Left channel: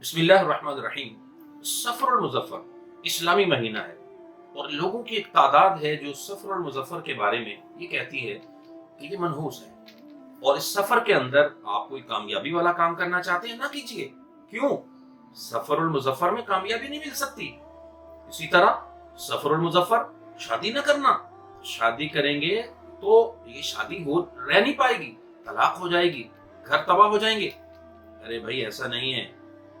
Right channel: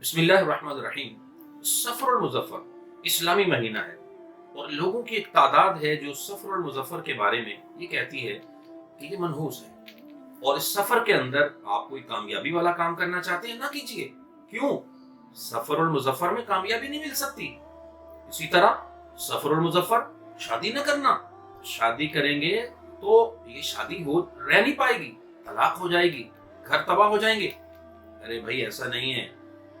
بسم اللہ الرحمن الرحیم۔ سفر المظفر اسلامی مہینہ ہے اور لوگوں کی ایک تعداد ہے جو سفر المظفر کے بارے میں یہ کہتی ہے کہ یہ منحوس ہے، اور اس سفر کے اندر آپ کوئی کامیابی والا کام کرنا چاہتے ہیں نہ کیجئے۔ کیوں؟ سفر المظفر میں کامیابی نہیں مل سکتی۔ اسی طرح سفر المظفر شادی نہ کرنا، شادی کریں گے تو یہ شادی رہ نہیں پائے گی، طلاق ہو جائے گی، گھر تباہ ہو جائیں گے۔ ارے بھائی ایسا نہیں ہے،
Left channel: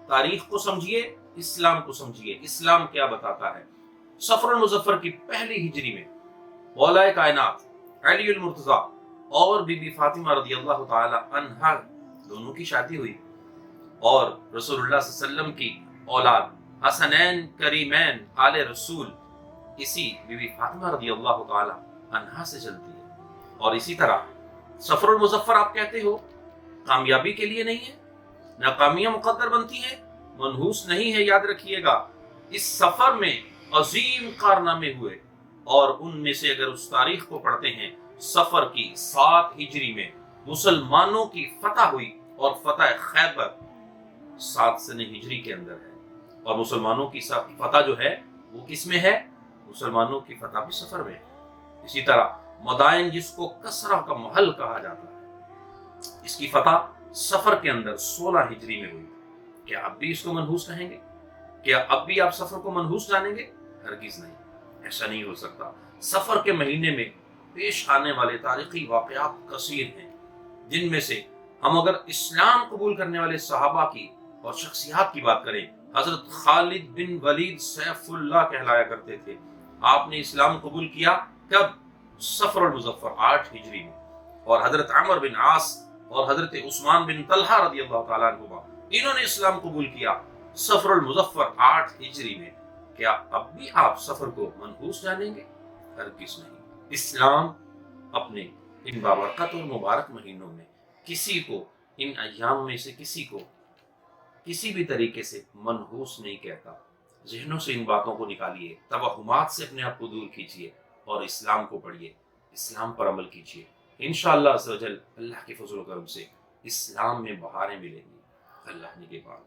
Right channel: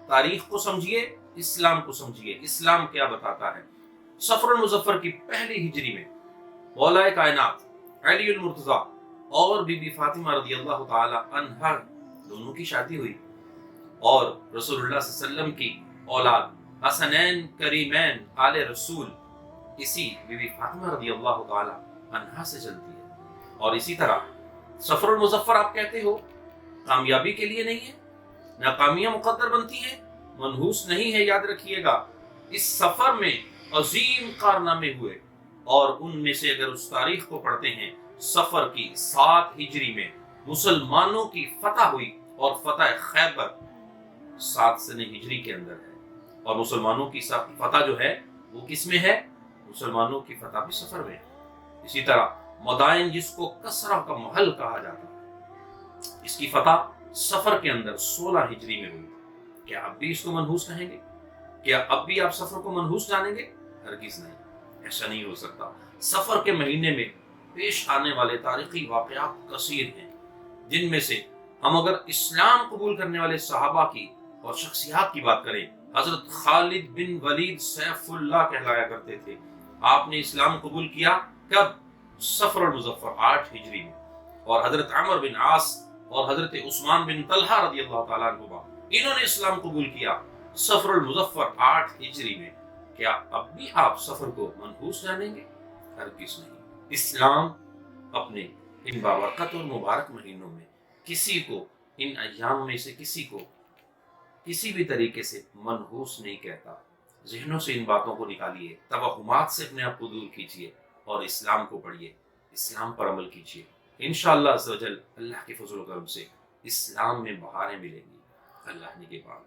تاریخ کو سمجھیے، اسلام کو سمجھیے، اسلام کیا بتاتا ہے۔ سفر المظفر کی پہلی ہجری میں مولا کائنات علی المرتضی اور بی بی فاطمہ رضی اللہ تعالی عنہا دونوں کی شادی ہوئی، اور رسول اللہ صلی اللہ علیہ وسلم کی اولاد حسنین کریمین آل رسول اسی بی بی فاطمہ رضی اللہ تعالی عنہا سے چلتی ہے۔ اور اسی طرح سفر المظفر آپ کہتے ہو کامیابی کے لیے نہیں ہے، ناکامیاں مقدر بنتی ہیں، منحوس نہیں ہے۔ یاد رکھیے گا اس سفر میں عظیم کارنامے ہوئے، اور ان میں سے اگر اس تاریخ کو پڑھتے ہیں، سفر کی 7 ہجری میں مسلمانوں کی فتح ہوئی، اور فتح خیبر 7 سنہ ہجری کے اندر ہے، اور مسلمانوں کی فتح جو ہے وہ کس میں ہے؟ مسلمانوں کی فتح بھی سفر میں ہے۔ اسی طرح مدائن جس کو کسرہ کا محل کہا جاتا ہے، اس کی فتح سفر کے اندر 16 ہجری میں ہوئی۔ کیا اب بھی اس کو منحوس کہیں گے؟ کیا اب بھی آپ سفر کو منحوس جانیں گے؟ ہرگز نہیں، ایسا نہیں ہو سکتا۔ سفر کے مہینے میں پیش آنے والے تاریخی واقعات کثیر ہیں، جن میں سے ہم اگر اسلام قبول کرنے والے صحابہ کی اور شخصیات کی بات کریں، حضرت خالد بن ولید سیف اللہ کہلایا کرتے تھے۔ آپ نے اسلام قبول کیا کب؟ سفر المظفر 8 ہجری میں۔ اور حضرت عمر بن عاص اور حضرت عثمان بن طلحہ رضی اللہ تعالیٰ عنہما انہوں نے اسلام قبول کیا سفر المظفر 8 ہجری میں۔ کیا اب بھی آپ سفر کو منحوس جانیں گے؟ ہرگز نہیں۔ اسلام اپنے ان بابرکت اور مبارک مہینوں میں کسی کو، ان ایام میں سے کسی کو کسی بھی طریقے سے منحوس نہیں کہتا۔ ذہنوں سے ان باتوں کو نکالیے، توہمات سے اپنے آپ کو دور کیجیے، اور اسلام کو پڑھیے، اسلام پر عمل کیجیے۔ انشاءاللہ عز و جل اللہ کے فضل و کرم سے اسلام میں بہاریں ملیں گی۔ اللہ نگہبان۔